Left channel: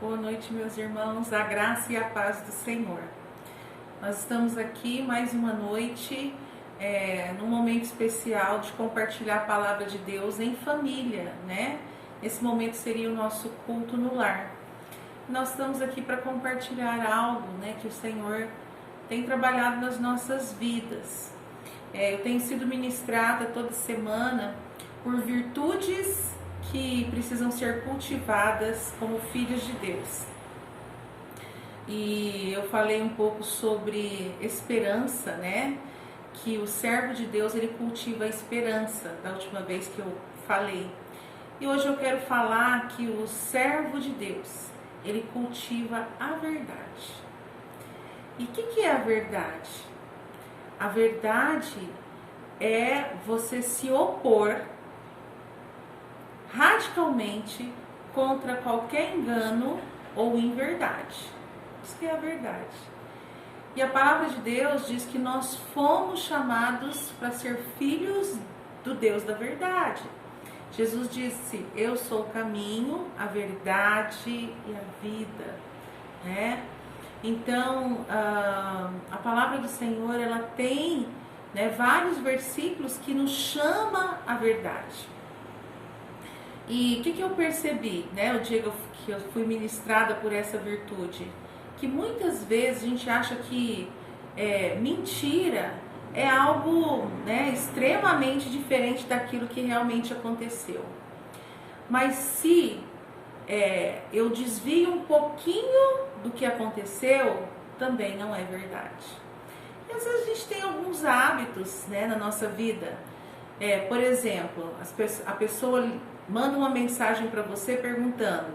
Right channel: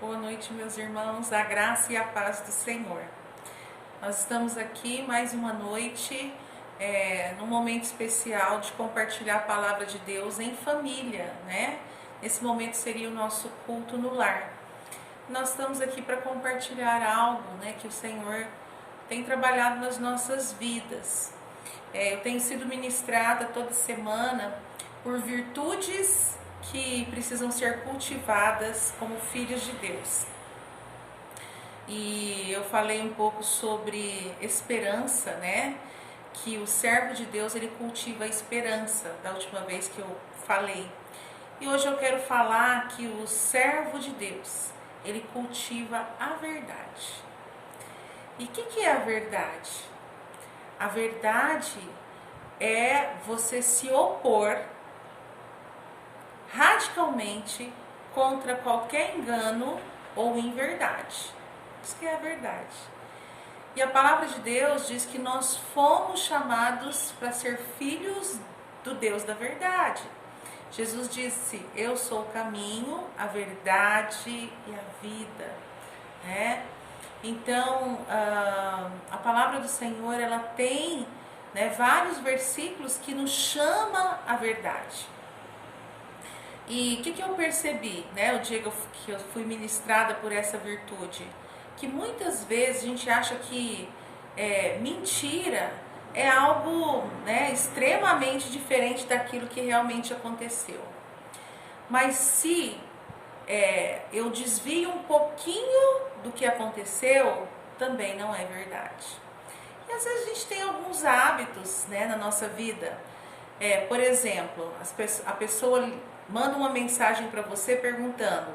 Boa noite, meus irmãos, a graça e a paz do Senhor. Nós estamos aqui mais uma noite, num momento especial de compartilhar a palavra de Deus em família, né? Esse momento seria o nosso culto no lar. Nós estamos aqui para compartilhar algo, né, que o Senhor tem trabalhado nas nossas vidas. Eu tenho sido ministrada toda semana por virtudes que precisam ser cultivadas como filhos de Deus. E eu falei um pouco sobre esperança, né? Que o servo de Deus, ele cultiva a esperança, da última vez que eu falei. E hoje eu quero falar que o servo de Deus, ele cultiva a verdade. E o que é a verdade? A verdade é você se opor radicalmente contra qualquer engano ou inverdade. Isso que é a verdade. E a palavra de Deus diz que nós fomos chamados para ser filhos do Deus da verdade. Jesus disse: eu sou o caminho, a verdade e a vida, né? Então, a palavra do Senhor, ela tem, né, vários versículos que nos chama a verdade. E o que eu percebi, né, o dia que eu fui ministrada por essa virtude? Que muitas vezes a gente acha que mentira é algo, né, extremamente diferente daquilo que realmente aconteceu. Mas se eu desvio um pouquinho do que aconteceu, também não é verdade. E às vezes a gente tem alguns hábitos, né, na nossa vida. Por exemplo, a pessoa manda uma mensagem para você perguntando:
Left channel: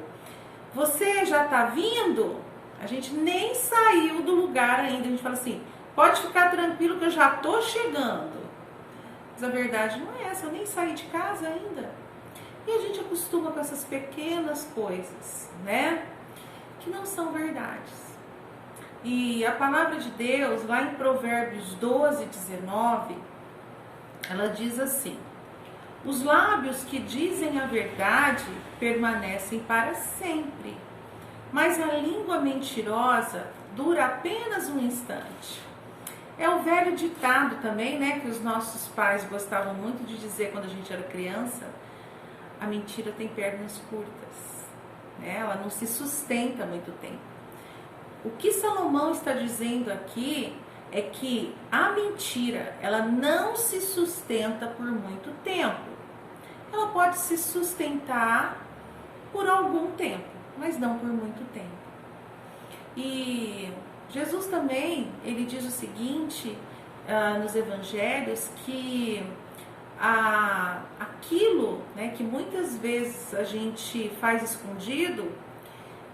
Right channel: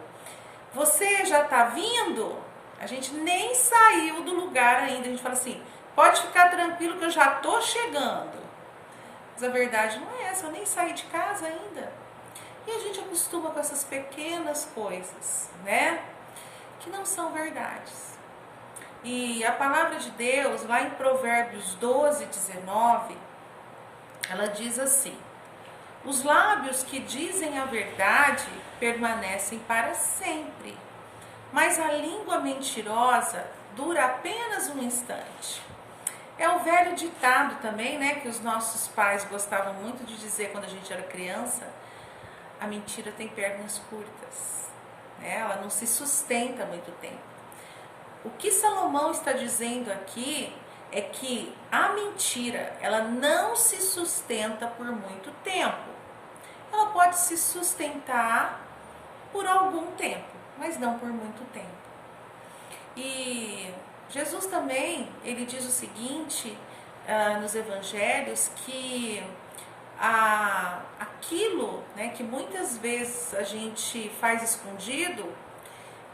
você já está vindo? A gente nem saiu do lugar ainda. A gente fala assim: pode ficar tranquilo que eu já estou chegando. Mas a verdade não é essa, eu nem saí de casa ainda. E a gente acostuma com essas pequenas coisas, né? Que não são verdades. E a palavra de Deus, lá em Provérbios 12, 19, ela diz assim: os lábios que dizem a verdade permanecem para sempre, mas a língua mentirosa dura apenas um instante. É o velho ditado também, né, que os nossos pais gostavam muito de dizer quando a gente era criança: a mentira tem pernas curtas, né? Ela não se sustenta há muito tempo. O que Salomão está dizendo aqui é que a mentira, ela não se sustenta por muito tempo. Ela pode se sustentar por algum tempo, mas não por muito tempo. E Jesus também, ele diz o seguinte, nos evangelhos, que aquilo, né, que muitas vezes a gente faz escondido,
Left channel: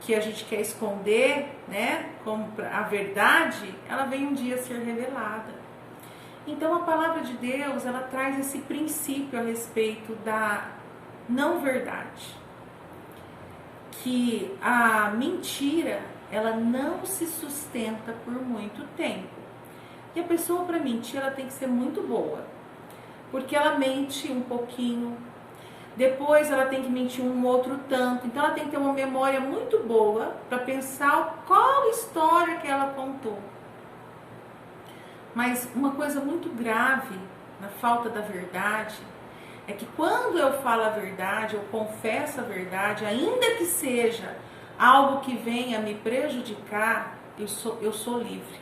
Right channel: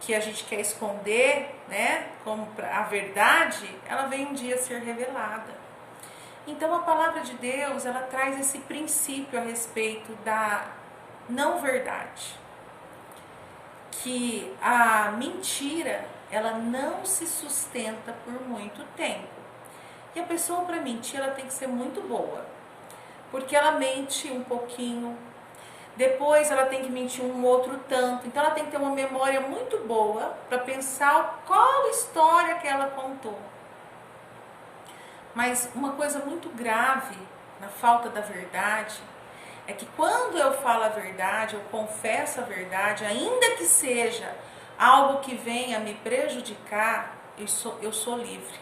que a gente quer esconder, né, como a verdade, ela vem um dia ser revelada. Então a palavra de Deus, ela traz esse princípio a respeito da não verdade. Que a mentira, ela não se sustenta por muito tempo. E a pessoa, para mentir, ela tem que ser muito boa. Porque ela mente um pouquinho, depois ela tem que mentir um outro tanto. Então ela tem que ter uma memória muito boa para pensar qual história que ela contou. Mas uma coisa muito grave na falta da verdade é que quando eu falo a verdade, eu confesso a verdade, ainda que seja algo que venha me prejudicar, eu sou livre.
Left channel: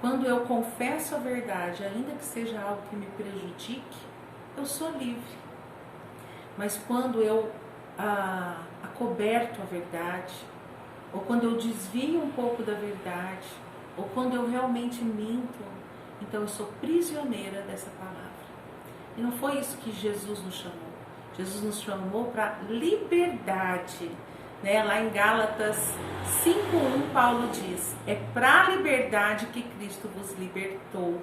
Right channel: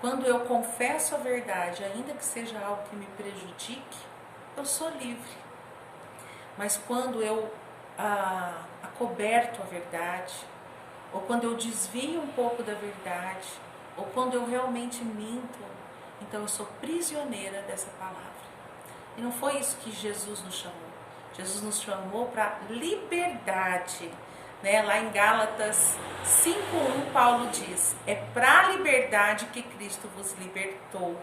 Quando eu confesso a verdade, ainda que seja algo que me prejudique, eu sou livre. Mas quando eu acoberto a verdade, ou quando eu desvio um pouco da verdade, ou quando eu realmente minto, então eu sou prisioneira dessa palavra. E não foi isso que Jesus nos chamou. Jesus nos chamou para liberdade, né? Lá em Gálatas 5:1, Paulo diz: é para a liberdade que Cristo vos libertou.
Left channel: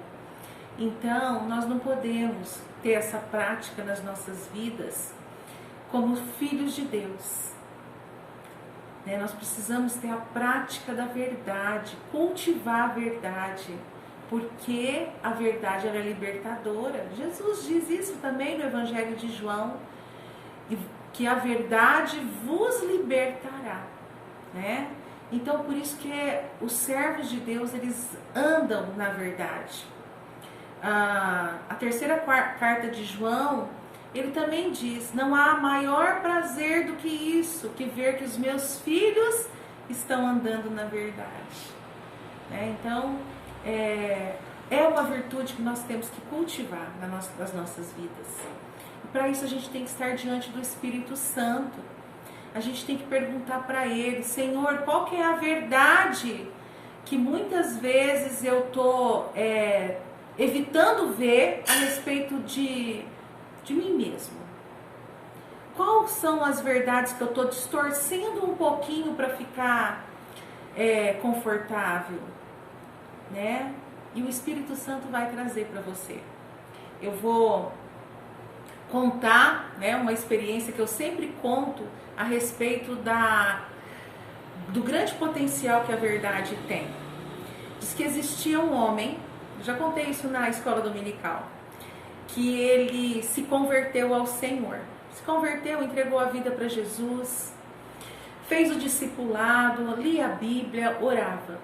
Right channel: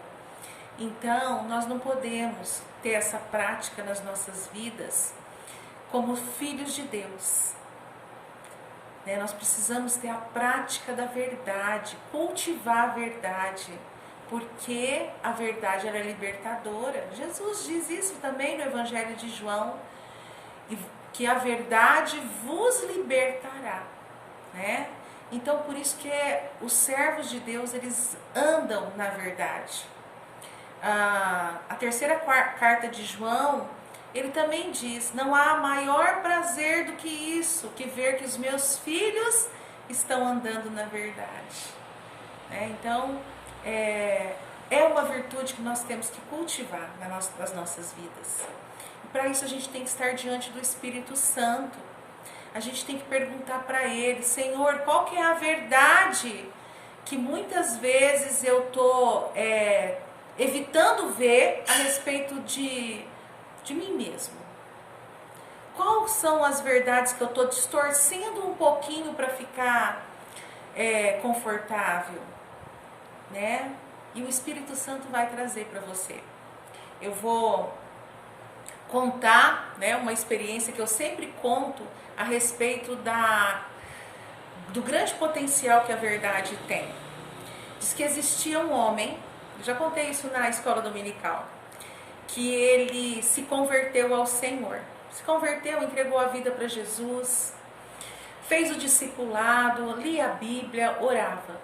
Então, nós não podemos ter essa prática nas nossas vidas como filhos de Deus. Nós precisamos ter a prática da verdade, cultivar a verdade, porque a verdade ela é libertadora. Jesus diz isso também no Evangelho de João, que a verdade vos libertará, né? Então, por isso que os servos de Deus, eles andam na verdade. A terceira carta de João, ele também diz: não há maior prazer do que isso, que ver que os meus filhos estão andando na verdade. Então, é uma virtude que nós temos que cultivar nas nossas vidas. E para isso a gente tem que estar diante do Espírito Santo. A gente tem que perguntar para Ele: Senhor, qual que é a verdade que muitas vezes eu estou evitando ver a respeito de mim mesmo? Quais são as verdades que eu estou distorcendo um pouquinho para ficar confortável, né? E o Espírito Santo vai trazer para você. Eu vou contar, né, uma experiência que eu sempre conto a respeito do grande potencial que a verdade tem. Diz que existia um homem, já contei isso na escola dominical, que ele se converteu ao Senhor. Se converteu, entregou a vida para Jesus, fez o discipulado, lia a Bíblia, orava.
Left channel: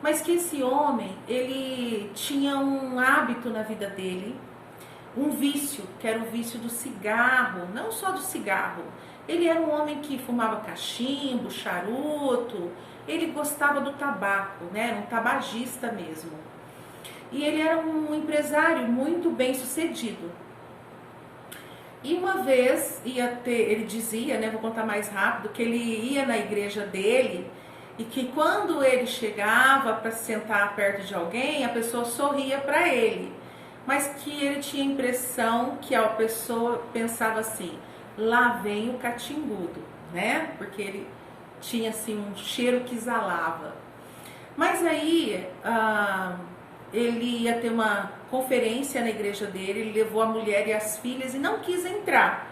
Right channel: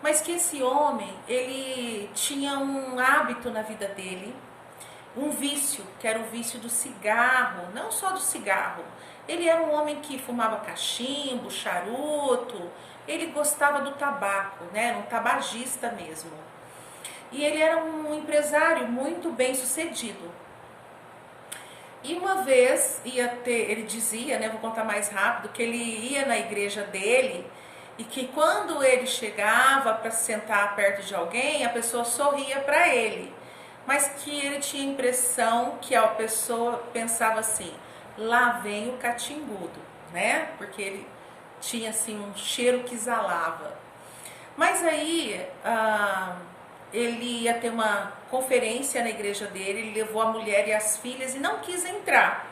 Mas que esse homem, ele tinha um hábito na vida dele, um vício, que era o vício do cigarro, não só do cigarro. Ele era um homem que fumava cachimbo, charuto, ele gostava do tabaco, né? Era um tabagista mesmo. E ele era um empresário muito bem sucedido. E uma vez ele dizia, né, vou contar mais rápido, que ele ia na igreja dele e que quando ele chegava para sentar perto de alguém, a pessoa sorria para ele. Mas que ele tinha a impressão que a pessoa pensava assim: lá vem o catimbudo, né? Porque ele tinha assim um cheiro que exalava. Mas aí ele ia ter uma conferência na igreja dele, ele levou a mulher e as filhas e não quis entrar.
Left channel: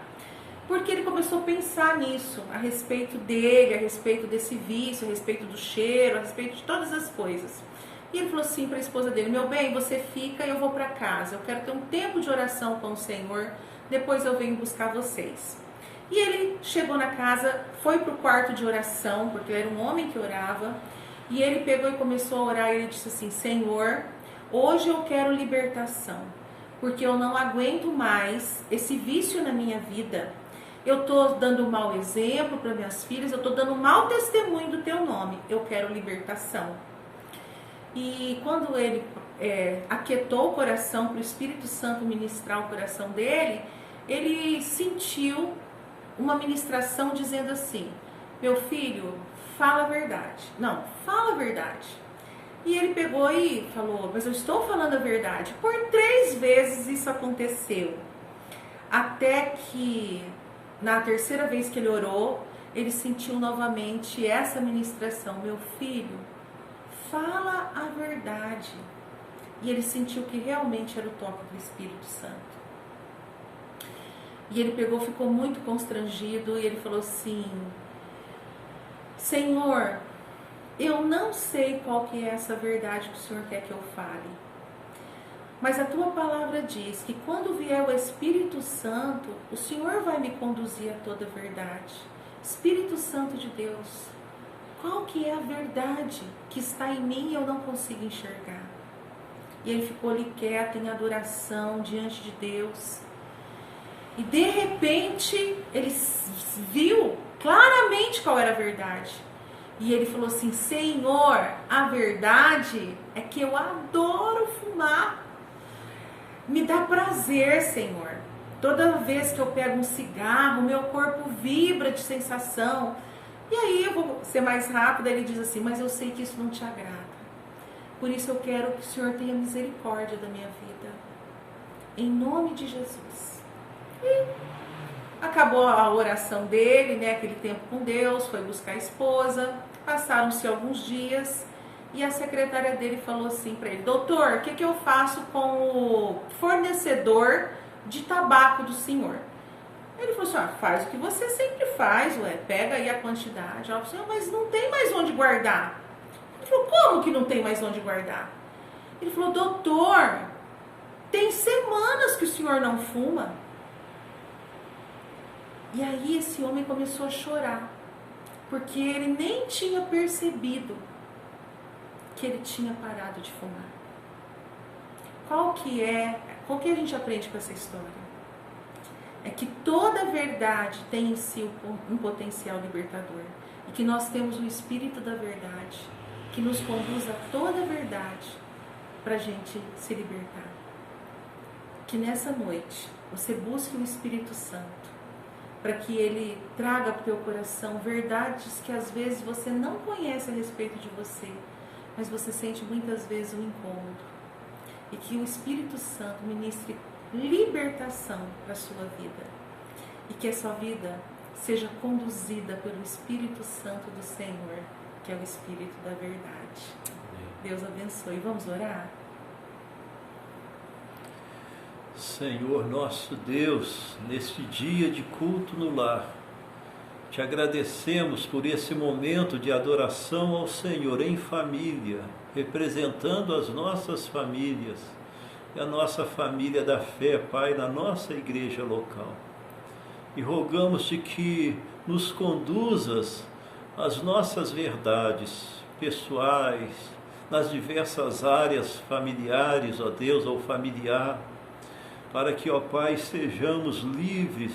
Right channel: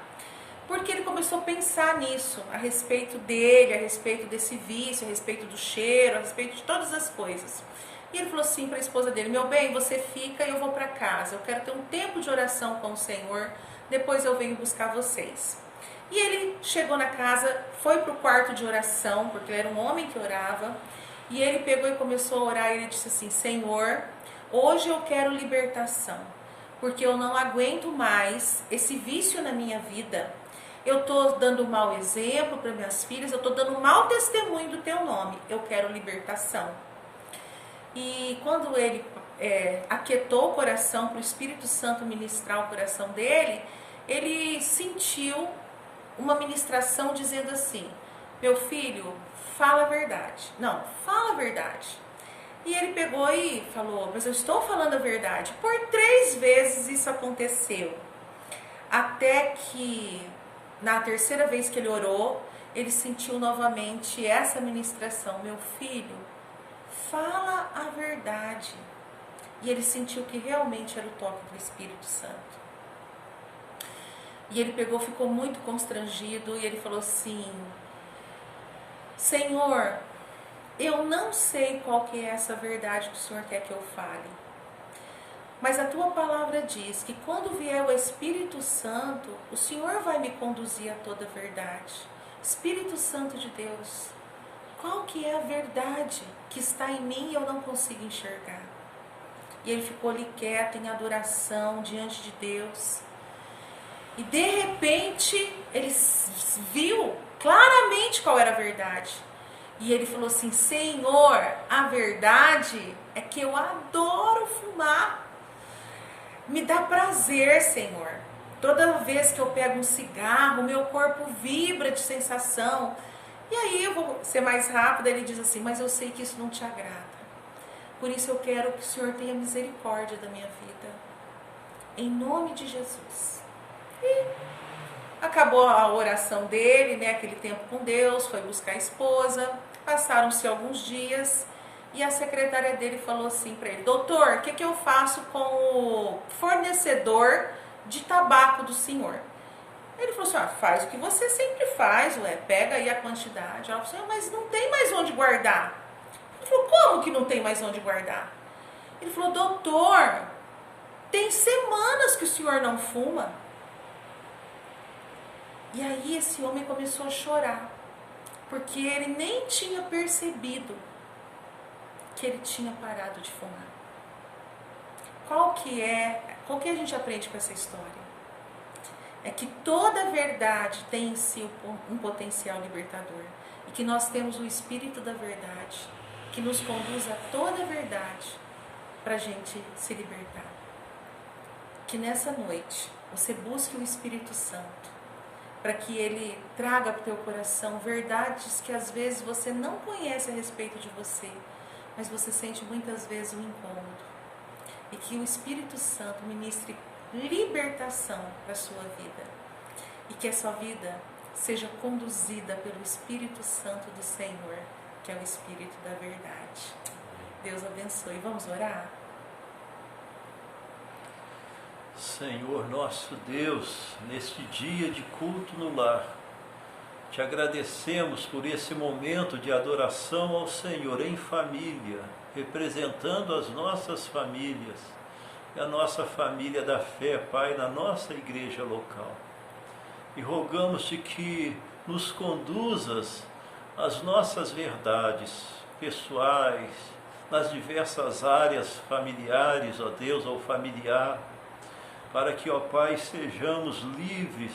Porque ele começou a pensar nisso, a respeito dele, a respeito desse vício, a respeito do cheiro, a respeito de todas as coisas. E ele falou assim para a esposa dele: meu bem, você fica e eu vou para casa. Eu quero ter um tempo de oração com o Senhor, depois eu venho buscar vocês. E ele chegou na casa, foi para o quarto de oração, porque ele era um homem que orava. E ele pegou e começou a orar e ele disse assim: Senhor, hoje eu quero libertação, porque eu não aguento mais esse vício na minha vida. Eu estou dando mau exemplo para minhas filhas, eu estou dando mau testemunho do teu nome. Eu quero libertação. E quando ele aquietou o coração para o Espírito Santo ministrar o coração dele, ele sentiu uma ministração dizendo assim: meu filho, fala a verdade. Não, fala a verdade. E ele pegou e falou: mas eu estou falando a verdade. Por 3 vezes isso aconteceu. Até que na terceira vez que ele orou, ele sentiu novamente essa ministração: meu filho, fala a verdade. E ele sentiu que realmente era o toque do Espírito Santo. E ele pegou, ficou muito constrangido e ele falou assim: Senhor, eu não sei qual que é essa verdade que o Senhor quer que eu fale. Mas a tua palavra diz que quando vier o Espírito Santo, o Senhor vai me conduzir a toda a verdade. Espírito Santo de Deus, qual que é a verdade que está em mim e eu não consigo enxergar? E ele ficou ali quieto em adoração diante de Deus. E de repente ele viu claramente qual era a verdade. E ele falou assim: Senhor, a verdade é que eu adoro fumar. Me dá prazer, Senhor. Toda vez que eu pego um cigarro, meu corpo vibra de sensação. E aí, eu vou ser mais rápida, ele diz assim: mas eu sei que isso não te agrada. Por isso eu quero que o Senhor tenha misericórdia da minha vida. Em nome de Jesus. E acabou a oração dele, né, aquele tempo com Deus, foi buscar a esposa. Passaram-se alguns dias e a secretária dele falou assim para ele: doutor, o que eu faço com o fornecedor de tabaco do senhor? Ele falou assim: faz o que você sempre faz, pega aí a quantidade. Ela falou assim: mas não tem mais onde guardar. Ele falou: como que não tem mais onde guardar? Ele falou: doutor, tem semanas que o senhor não fuma. E aí esse homem começou a chorar, porque ele nem tinha percebido que ele tinha parado de fumar. Qual que a gente aprende com essa história? É que toda verdade tem em si um potencial libertador. E que nós temos o Espírito da verdade, que nos conduz a toda a verdade para a gente se libertar. Que nessa noite você busque o Espírito Santo, para que ele traga para o teu coração verdades que às vezes você não conhece a respeito de você, mas você sente muitas vezes um incômodo. E que o Espírito Santo ministre libertação para a sua vida. E que a sua vida seja conduzida pelo Espírito Santo do Senhor, que é o Espírito da verdade. Deus abençoe. Vamos orar? Senhor nosso Deus, neste dia de culto no lar, te agradecemos por esse momento de adoração ao Senhor em família, representando as nossas famílias e a nossa família da fé, Pai, na nossa igreja local. E rogamos-te que nos conduzas às nossas verdades pessoais, nas diversas áreas familiares, ó Deus, ou familiar, para que, ó Pai, sejamos livres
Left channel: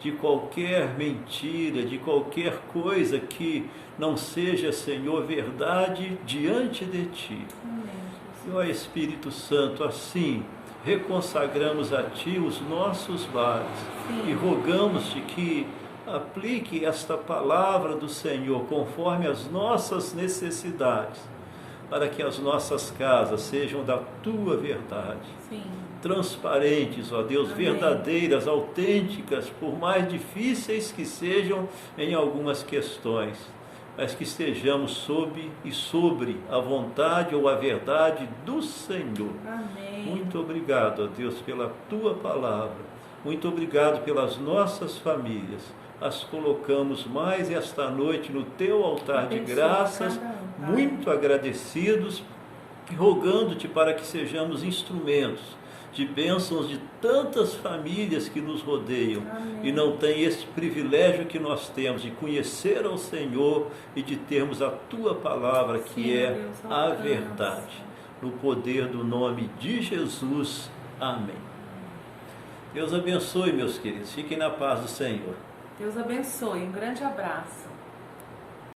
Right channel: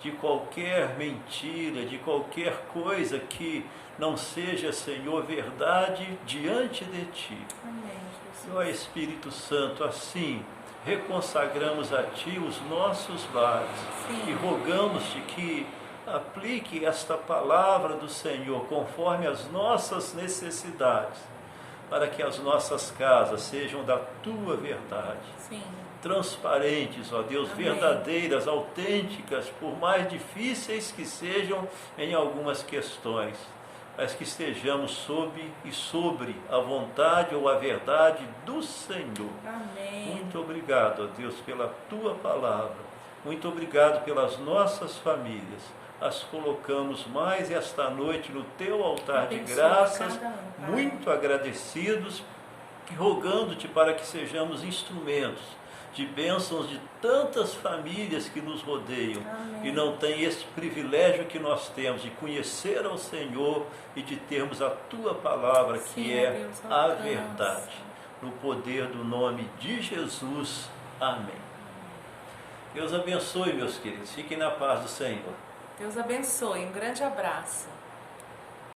de qualquer mentira, de qualquer coisa que não seja, Senhor, verdade diante de Ti. Amém. E, ó Espírito Santo, assim reconsagramos a Ti os nossos lares. Sim. E rogamos-te que aplique esta palavra do Senhor conforme as nossas necessidades, para que as nossas casas sejam da Tua verdade. Sim. Transparentes, ó Deus, Amém. Verdadeiras, autênticas, por mais difíceis que sejam em algumas questões, mas que estejamos sobre a vontade ou a verdade do Senhor. Amém. Muito obrigado, ó Deus, pela Tua palavra. Muito obrigado pelas nossas famílias. As colocamos mais esta noite no Teu altar de graças, muito agradecidos, e rogando-te para que sejamos instrumentos de bênçãos de tantas famílias que nos rodeiam. Amém. E não tem esse privilégio que nós temos de conhecer ao Senhor e de termos a Tua palavra, que sim, é Deus, a verdade. No poder do nome de Jesus. Amém. Deus abençoe, meus queridos. Fiquem na paz do Senhor. Deus abençoe. Um grande abraço.